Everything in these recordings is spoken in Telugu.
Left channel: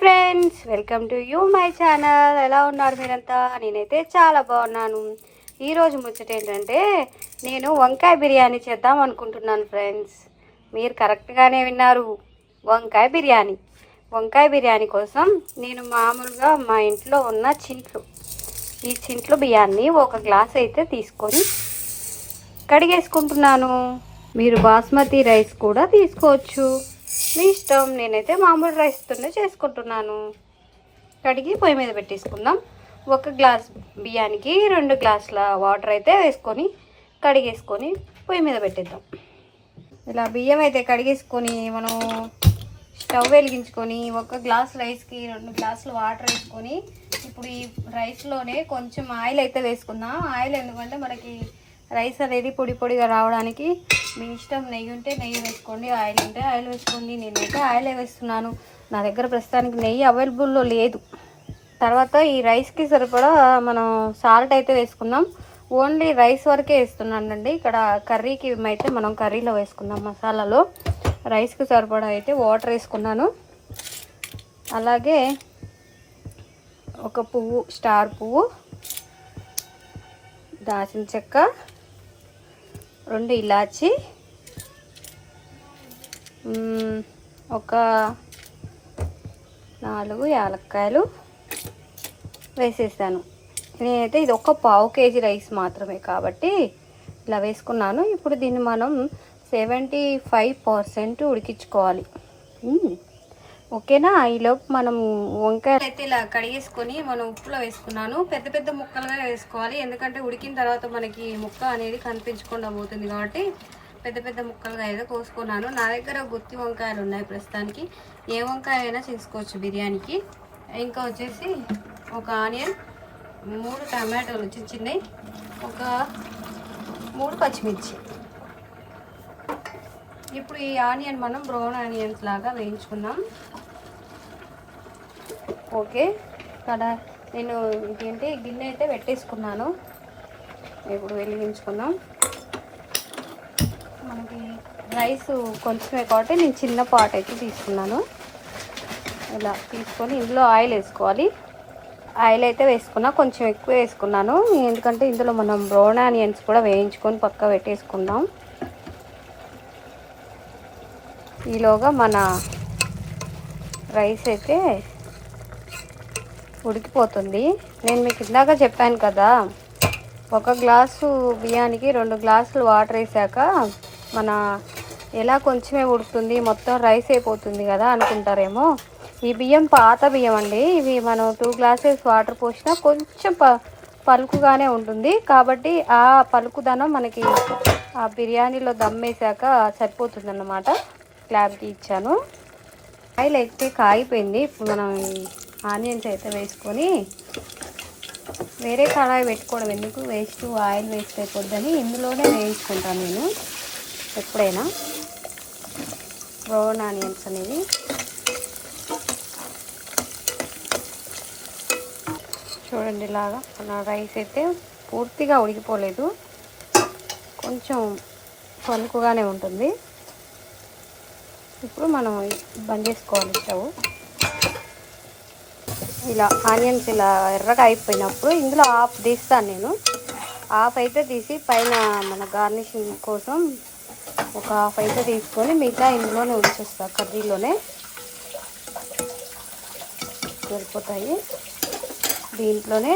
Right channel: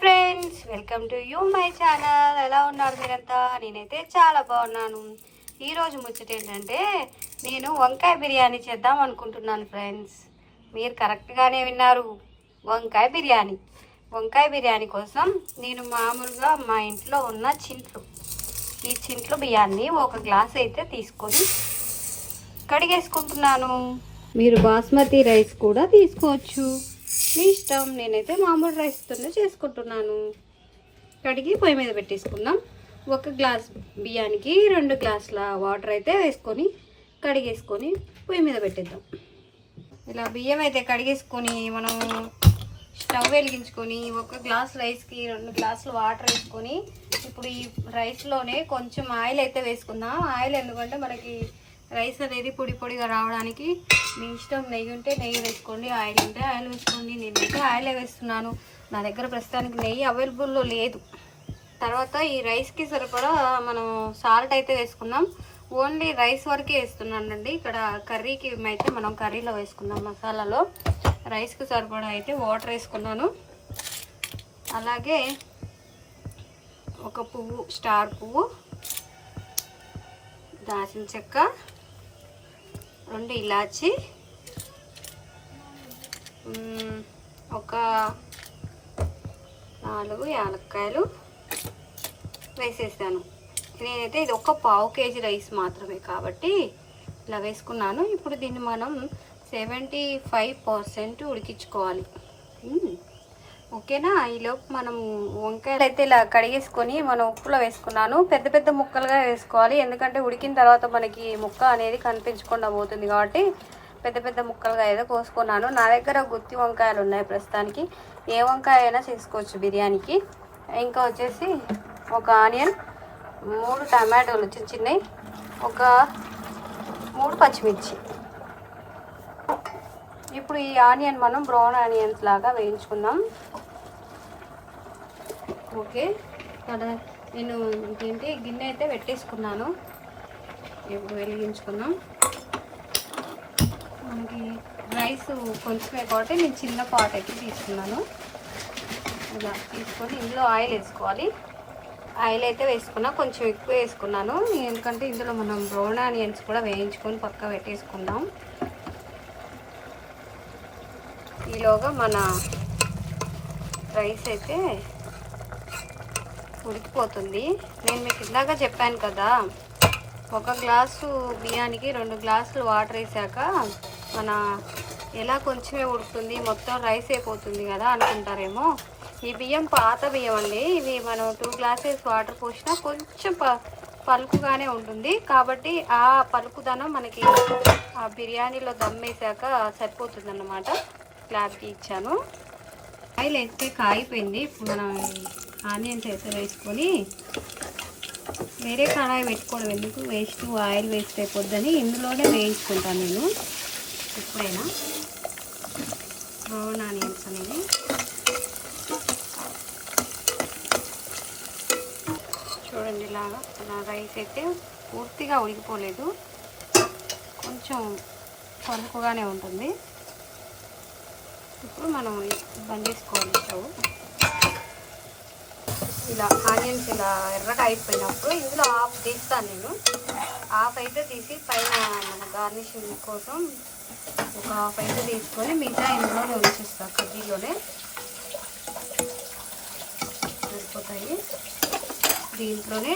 Friends, welcome to you my channel. ఎలా ఉన్నారు మీరంతా? నేనైతే చాలా బాగున్నాను. ఈరోజు ముచ్చట ఏంటంటే నేను వంకాయ బిర్యానీ చేద్దాం అనుకుంటున్నాను ఫ్రెండ్స్. మీరు కరెక్ట్గానే విన్నారు, వంకాయ బిర్యానీ. వంకాయ బిర్యానీ కోసం నేను మామూలుగా మా ఇంట్లో ఉన్న ఈ చింట్లు బియ్యాన్ని ఒక గ్లాస్ అయితే తీసుకొని కడిగేసుకుంటున్నాను. మీరు బాస్మతి రైస్ కూడా తీసుకోవచ్చు, మీ ఇష్టం. నేనైతే మామూలు రైస్తోనే చేసుకుంటున్నాను. కడిగి పొయ్యి మీద పెట్టేసుకుందాం. ఒక గ్లాస్ బియ్యానికి 2 గ్లాసుల వాటర్ అయితే వేసుకొని కడిగేసుకొని పొయ్యి మీద పెట్టేద్దాం. ఇలా బియ్యం అయితే కడిగేసుకొని మనం స్టవ్ వెలిగించుకొని ఒక గ్లాస్ రైస్కి 2 గ్లాసులు వాటర్ వేసుకొని ఇప్పుడు ఈ రైస్లోనే కొంచెం ఆయిల్ అయితే వేసుకుందాం. ఆయిల్ ఎందుకంటే మనకి రైస్ అనేది పొడి పొడిగా రావడానికి. మీ ఇష్టం, నెయ్యి ఉంటే నెయ్యి వేసుకోండి, ఆయిల్ ఉంటే ఆయిల్ వేసుకోండి. నేనైతే ఆయిల్ వేస్తున్నాను. నా దగ్గర ప్రస్తుతానికి నెయ్యి అవైలబుల్లో లేదు. తర్వాత ఈ రైస్కి సరిపడా మనం సాల్ట్ అయితే వేసుకుందాం. ఓన్లీ రైస్ వరకే వేస్తున్నానండి. ఇక్కడ కర్రీకి అయితే మనం కర్రీలో వేసుకుందాం మసాలాలో. రైస్కి సరిపడా అయితే వాటర్ వేసుకున్నాను. అలాగే ఒక పువ్వు, స్టార్ పువ్వు, దాల్చిన చెక్క, 2 ఇలాచి, ఒక 4 యాలక్కాయలు వేసేసాను. నేనైతే ఇది ఒక పావు కేజీ రైస్ మాత్రమే కాబట్టి ఇలా వేసుకున్నాను. ఇప్పుడు దీన్ని మనం 75% ఉడికించుకోవాలి. ఓకేనా? ఈలోపు మనం వంకాయలు అయితే ఇలా కడిగేసుకొని మనం ఉప్పులో వేసుకున్నాను. పెద్ద పెద్ద ముక్కలుగా వేసుకోవాలి, ఎందుకంటే ఉడికిన తర్వాత మనకి ముక్క అనేది కనిపించకుండా పోతుంది కాబట్టి పెద్ద పెద్ద ముక్కలుగా అయితే కోసుకున్నాను. నా దగ్గర గుత్తి వంకాయలు ఉన్నాయి ప్రస్తుతానికి. ఏ వంకాయ అయినా చేసుకోవచ్చు బిర్యానీకి. ఇంకా వచ్చేసి ఒక ఆనియన్, 3 టమాటోలు చిన్నవి, ఒక 3 పచ్చిమిర్చి. ఇప్పుడు ఈ ఆనియన్ మనం బ్రౌన్ ఆనియన్స్ లాగా వేయించుకుందాం. ఓకే, ఇక్కడ నేను ఇంకేంటి గిన్నె అయితే పెట్టేసుకున్నాను. ఇప్పుడు వెలిగించుకుందాం. మనకి రైస్ కొంచెమే కాబట్టి నేను చిన్న పాట్ అయితే తీసుకున్నాను. ఇలా తీసుకొని ఇందులో ఆయిల్ వేసుకోవాలి. ఆయిల్ అయితే వేసుకున్నా, కొంచెం ఎక్కువ వేసుకున్నాను ఎందుకంటే ఇందులో మనం బ్రౌన్ ఆనియన్స్ కూడా వేయించుకొని పక్క పెట్టేసుకుందాం. ఈలోగా మన రైస్ అయితే ఉడికిపోతుంది. నేను మీకు ఇందాక చెప్పాను కదా, ఒక గ్లాసు బియ్యానికి 2 గ్లాసులు వాటర్ వేసాక మన ఎలా కొంచెమే ఉడుకుతుంది, మొత్తం రైస్ అయిపోతుంది కదా అనుకుంటారేమో. ఈ బియ్యం పాత బియ్యం అండి. ఇవి మనం 2 గ్లాసెస్ వాటర్ పోసినా కొంచెం పలుకుగానే ఉంటుంది కాబట్టి ఆ పలుకుదనం మనకి ఆ బిర్యానీలో దమ్ వేసాక సరిపోతుంది అన్నమాట. క్లారిటీ ఇచ్చాను. ఆయిల్ అయితే కాగిపోయింది. ఇప్పుడు మనం ఆనియన్స్ అయితే వేసుకొని వేరే కడాయి పెట్టుకోవడం ఎందుకు, వేస్ట్ ఆయిల్ వేస్ట్ అయిపోద్దని ఇందులోనే వేయించుకుంటాను నేను ఎప్పుడైనా బ్రౌన్ ఆనియన్స్ అనేవి. చూడండి, ఇలాగా రైస్ అయితే పూర్తిగా ఉడికిపోలేదు, కొంచెం పలుకుగానే ఉంటుంది. ఇప్పుడు మనం బంద్ చేసుకోవాలి స్టవ్. ఇలా ఆనియన్స్ ఇలా ఎర్రగా అయిపోయినప్పుడు ఇందులో హాఫ్ తీస్తాను నేను. హాఫ్ అయితే తీసి పైన మన గార్నిషింగ్ కోసం ఒక హాఫ్ అయితే తీసుకొని మిగతా ఇందులోనే ఉంచేస్తాను. కర్రీలోనే సరిపోతాయి. దీంట్లోనే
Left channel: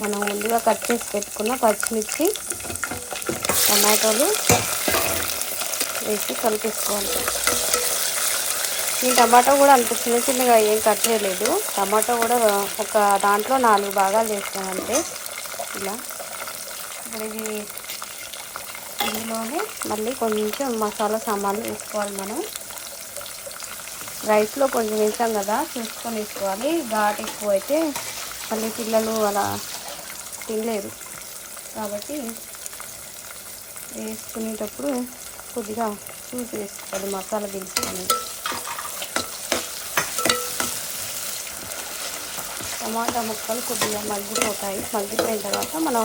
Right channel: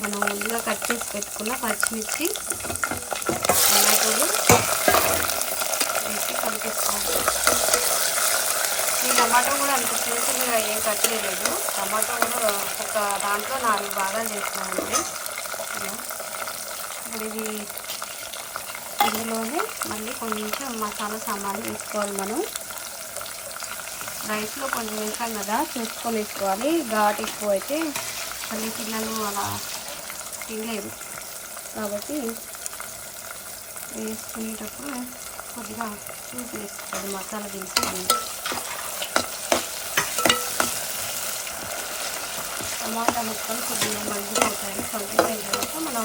మనం ముందుగా కట్ చేసి పెట్టుకున్న పచ్చిమిర్చి, టమాటోలు వేసి కలిపేసుకోవాలి. ఈ టమాటో కూడా అంత చిన్న చిన్నగా ఏం కట్ చేయలేదు. టమాటో కూడా ఒక దాంట్లో 4 భాగాలు చేస్తున్నామంటే ఇలా. ఇప్పుడు ఇందులోనే మళ్ళీ కొంచెం మసాలా సామాన్లు వేసుకోవాలి. మనం రైస్లో కొంచెం వేసాం కదా, చూసుకొని వేసుకోవాలి. ఘాటు ఎక్కువ అయితే మళ్ళీ పిల్లలు అలా తినలేదు కాబట్టి వేసుకునేటప్పుడు కొద్దిగా చూసి వేసుకోవాలి మసాలా దినుసులు. టమాటా ముక్కలు కొద్దిగా మగ్గిపోతాయి. మగ్గిపోయిన తర్వాత మనం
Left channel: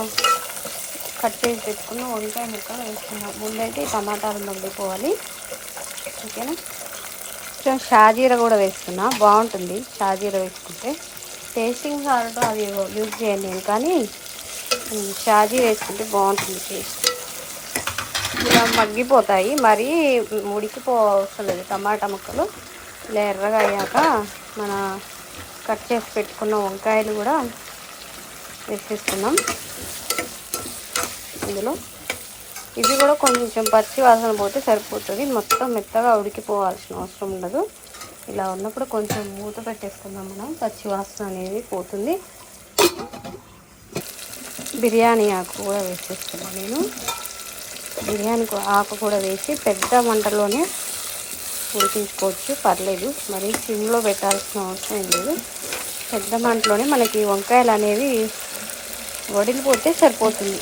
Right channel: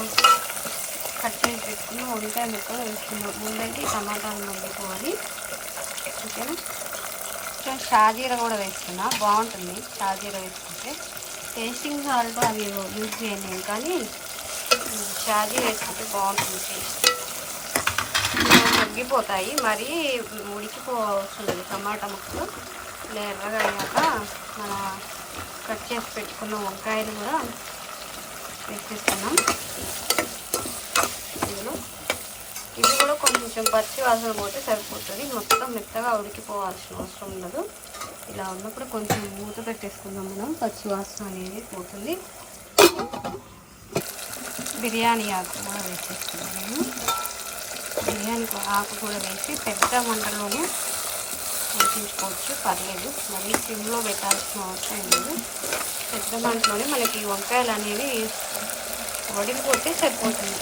కట్ చేసి పెట్టుకుని వంకాయ ముక్కలు వేసుకున్నాం. ముందైతే టమాటాలు మగ్గిపోవాలి. ఓకేనా? కొంచెం షాజీరా కూడా వేసుకున్నా, బాగుంటుంది షాజీరా వేసుకుంటే. టేస్టింగ్ సాల్ట్ అవి యూజ్ చేయండి నేను, కానీ షాజీ వేసుకుంటే బాగుంటుంది టేస్ట్. ఇలా మగ్గిపోతాయి, మరీ ఉడికిపోవసం లేదు. టమాటా ముక్కలు ఇలా ఎర్రగా అయ్యాక మన కట్ చేసి పెట్టుకున్న వంకాయలు కూడా వేసేసుకున్నాం ఇందులో. ఇది కూడా కొంచెం పచ్చి వాసన పోతే సరిపోతుంది, మొత్తం మెత్తగా ఉడికిపోవాల్సిన అవసరం ఉండదు. ఇలా ఉన్నప్పుడు కొంచెం మూత పెట్టేసుకుందాం మనం, పచ్చి వాసన అనేది పోతుంది. బిర్యానీ ఆకు కూడా వేసేసుకున్నాను నేను. బిర్యానీ ఆకు కూడా వేసి పెద్ద మంటలోనే ఉడికించుకోవచ్చు, పర్లేదు. మరి సిమ్లో పెట్టాల్సిన అవసరం లేదు. పెద్ద మంటలోనే మనకి వంకాయలు అనేవి వడిలిపోతే సరిపోతుంది.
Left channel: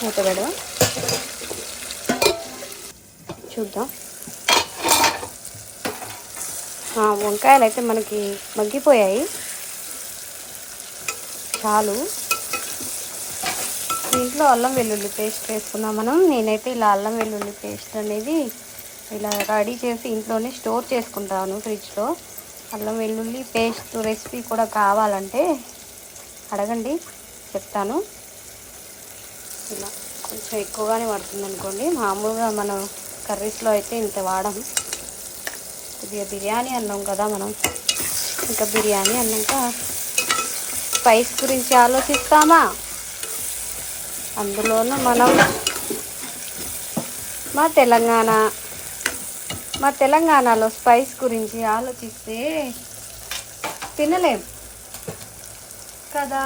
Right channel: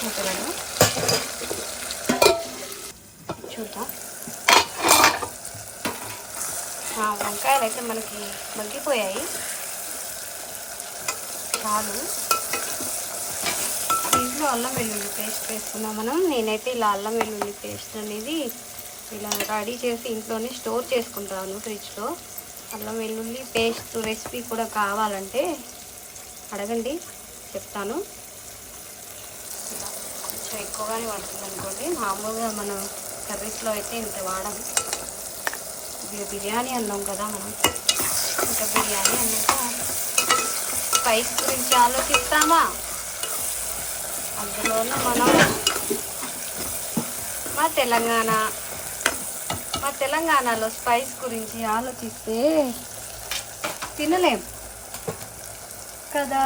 మూత పెడదాం, చూద్దాం. వంకాయలు అయితే మనకి మగ్గిపోయాయి చాలు. దీంట్లో అల్లం వెల్లుల్లి పేస్ట్ వేసుకున్నాం మనం. నేనైతే ఇలా అల్లం వెల్లుల్లి పేస్ట్ అనేది ఇలా రెడీ చేసి ఇంట్లోనే స్టోర్ చేసుకుంటాను ఫ్రిడ్జ్లో. అల్లం వెల్లుల్లి పేస్ట్ రెసిపీ కూడా కావాలంటే అడగండి, చెప్తాను. కొంచెం ఎక్కువగానే పడుతుంది అనుకోండి, మామూలుగా మనం కర్రీస్లో అయితే ఇంత వాడము. ఇది బిర్యానీ అన్నాం కదా మనం, ఇంకా బిర్యానీ అన్నాక స్పైస్ గురించి ఆలోచిస్తామా? అందులోనూ మనం మా తెలంగాణలో స్పైస్ గురించి ఆలోచిస్తే తినలేం కదా.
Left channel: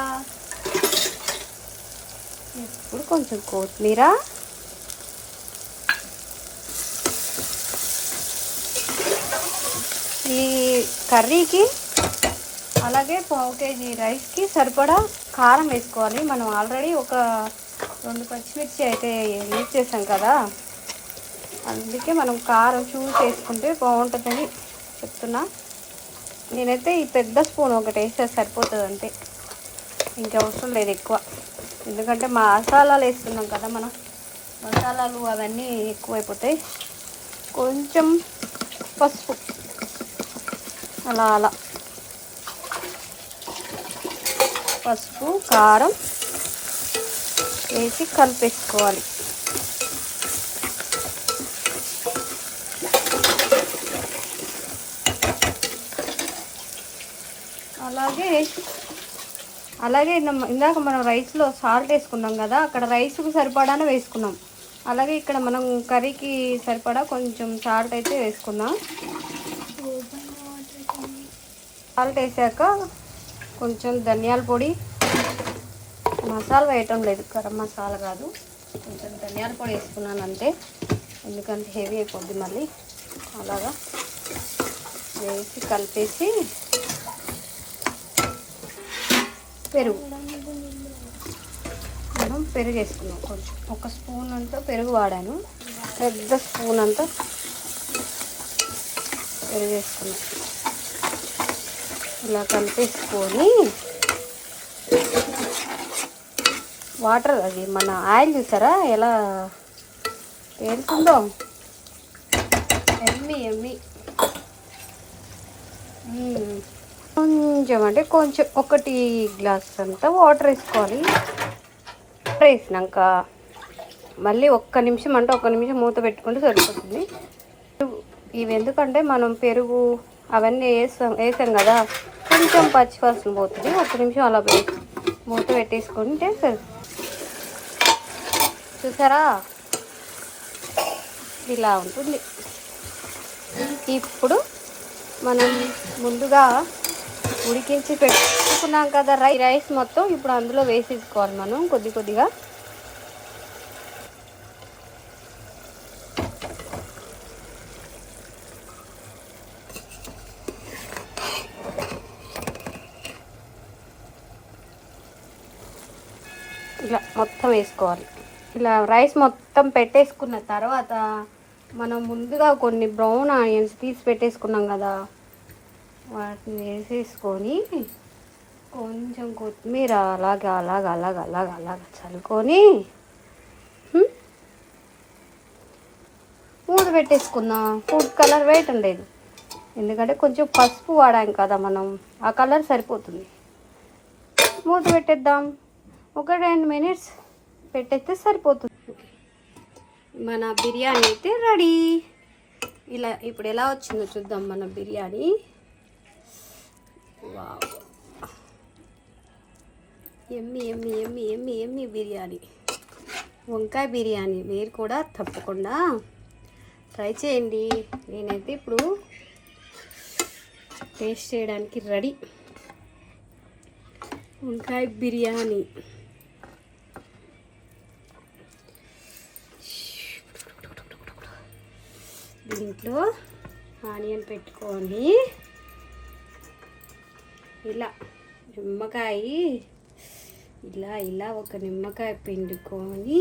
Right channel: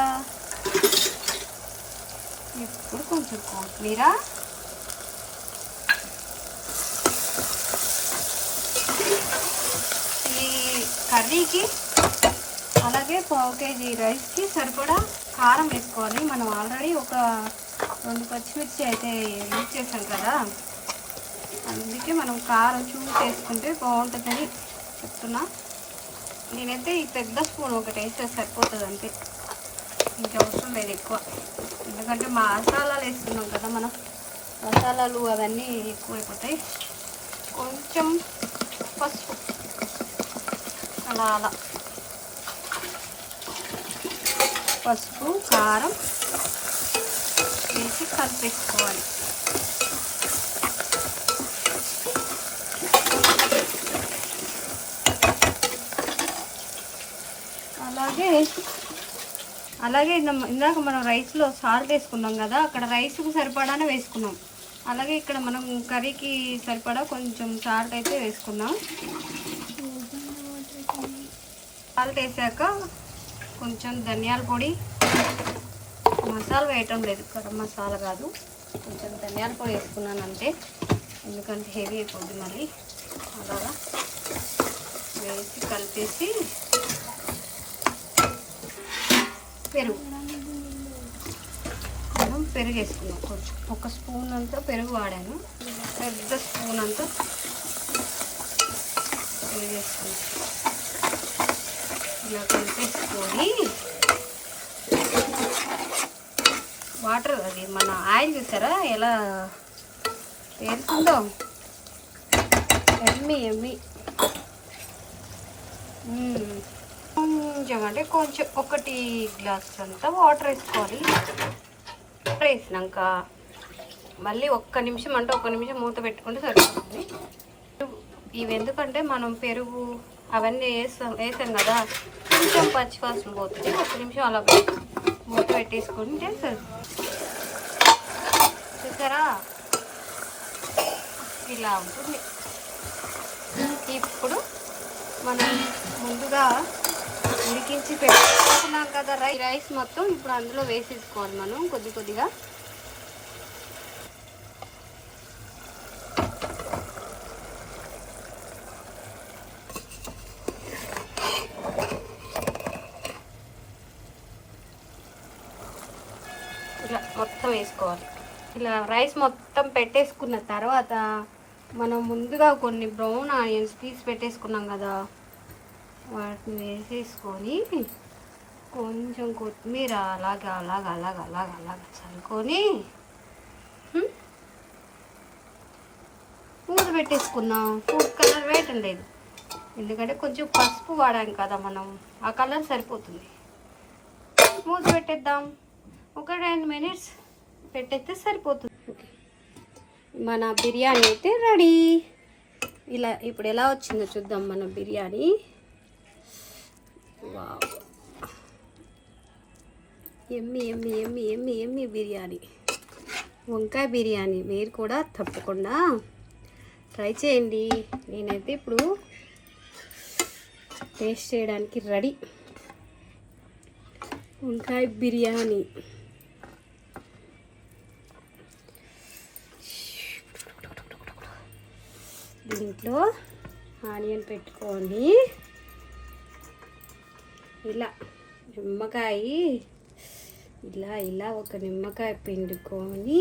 ఇప్పుడు కొంచెం కొత్తిమీర, ఈ కర్రీకి అలాగే 1 kg రైస్కి సరిపడా కారం వేసుకోవాలి. మనం ఆల్రెడీ ఒక 2 పచ్చిమిర్చి అయితే యూజ్ చేసాం కదా, అందుకే మనం కారం చూసి వేసుకుంటే బాగుంటుందని చెప్తున్నా. నేనైతే ఈ పెద్ద స్పూన్ ఒకటి వేస్తే సరిపోతుంది అంతే, ఇంకా అవసరం లేదు ఎక్కువ. ఎందుకంటే మసాలాలు వేస్తున్నాం కదా మనం, మసాలాలు అవన్నీ ఎక్కువైపోతాయి. కొంచెం పసుపు అలా అలా పసుపు కారం వేసి కలిపేసుకోవాలి. అలాగే ఇందాక మనం రైస్లో సాల్ట్ వేసుకున్నాం కదా, అక్కడ రైస్కి సరిపడానే వేసుకున్నాం. అలాగే ఇక్కడ మనం కర్రీకి సరిపడా కొంచెం సాల్ట్ అయితే వేసుకున్నాం. సాల్ట్ వేసాక కొంచెం ధనియాల పొడి, మసాలా వేయటం లేదు, గరం మసాలా కాదు, కొంచెం ధనియాల పొడి వేసుకున్నాను అంతే, ఎందుకంటే హెవీ అయిపోద్ది మళ్ళీ. అలాగా వేసి కలిపేసి పెరుగు మనం పెరుగు వేసుకున్నాం. కొంచెం 1 స్పూన్ అంతా పెరుగు వాడాను, పెద్ద స్పూన్ అంతా పెరుగు వేసుకున్నాం. ఇలా కలిపేసుకొని వాటర్, అది మన ఆయిల్ చూసారా ఎలా తేలుతుందో, ఎమ్మి కొంచెం అంటే కొంచెం 1 గ్లాస్ అంతా వాటర్ వేసుకోవాలి. వాటర్ వేసినాక మళ్ళీ 1 నిమిషం అంటే 1 నిమిషం మూత పెట్టుకుంటే సరిపోతుంది. ఇవి ఎందుకంటే మనం పెరుగు అవన్నీ వేసాం కదా, కొంచెం పచ్చివాసన పోతుంది. 1 నిమిషం అలా మూత పెట్టేసుకుంటే సరే. చూసారా ఇలా ఉంటుంది. ఇప్పుడు మనం ముందుగా ఉడికించి పెట్టుకున్నాం కదా రైస్ మొత్తం, ఇప్పుడు అందులో వేసేసుకోవాలి మనం కొద్ది కొద్దిగా. ఇలా మొత్తం వేసుకోవాలి. ఇలా రైస్ మొత్తం పెట్టేసుకున్న తర్వాత మనం ముందుగా కొన్ని బ్రౌన్ ఆనియన్స్ తీసి పెట్టేసుకున్నాం కదా, వాటిని వేసేసుకొని కొంచెం కొత్తిమీర అలాగా చల్లుకొని పెట్టేసుకుందాం. ఫుడ్ కలర్ వేయటం లేదు, ఎందుకంటే కొంచెం పసుపు వాడాం కదా మనం, ఆ కలర్ సరిపోతుంది. మూత పెట్టేద్దాం. ఒక 2 మినిట్స్ పెట్టేస్తే సరిపోతుంది. మన బిర్యానీ అయితే రెడీ. ఇలా ఇప్పుడు ఎలా వచ్చిందో చూద్దాం మన బిర్యానీ. వావ్, ఎమ్మి ఎమ్మి ఎమ్మి ఎమ్మి ఎమ్మి బిర్యానీ, వంకాయ బిర్యానీ. మీరు కూడా తప్పకుండా ట్రై చేయండి. నేనైతే ఇప్పుడు టేస్ట్ చేయడానికి రెడీ. వంకాయ బిర్యానీ. దీంట్లో ఆనియన్ పెట్టుకొని ఇలా నిమ్మకాయ, ఇలా ఇలా ఒక నిమ్మకాయ పిండుకొని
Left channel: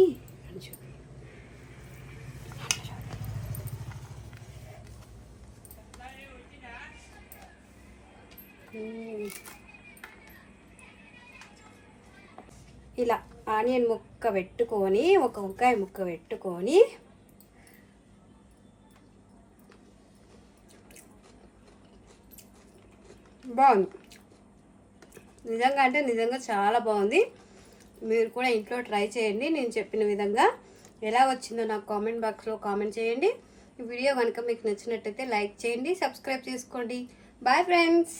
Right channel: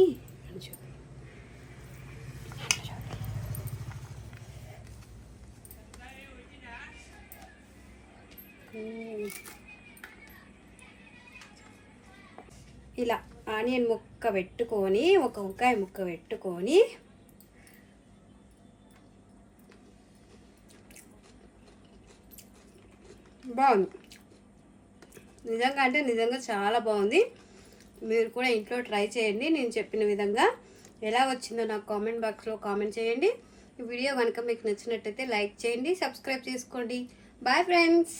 ఇలా ఆనియన్ ముక్క పెట్టుకొని, ఒక వంకాయ ముక్క పెట్టుకొని బాగుంది. నిజంగా అంటే నిజంగా చాలా బాగుంది. మీరు కూడా ఇంట్లో ట్రై చేయండి. నేను చెప్పిన విధంగా ఎలా వచ్చిందో నాకు కామెంట్ బాక్స్లో కామెంట్ చేయండి. ఈ వీడియో కనుక మీకు నచ్చినట్టయితే లైక్ చేయండి, సబ్స్క్రైబ్ చేసుకోండి. Bye friends.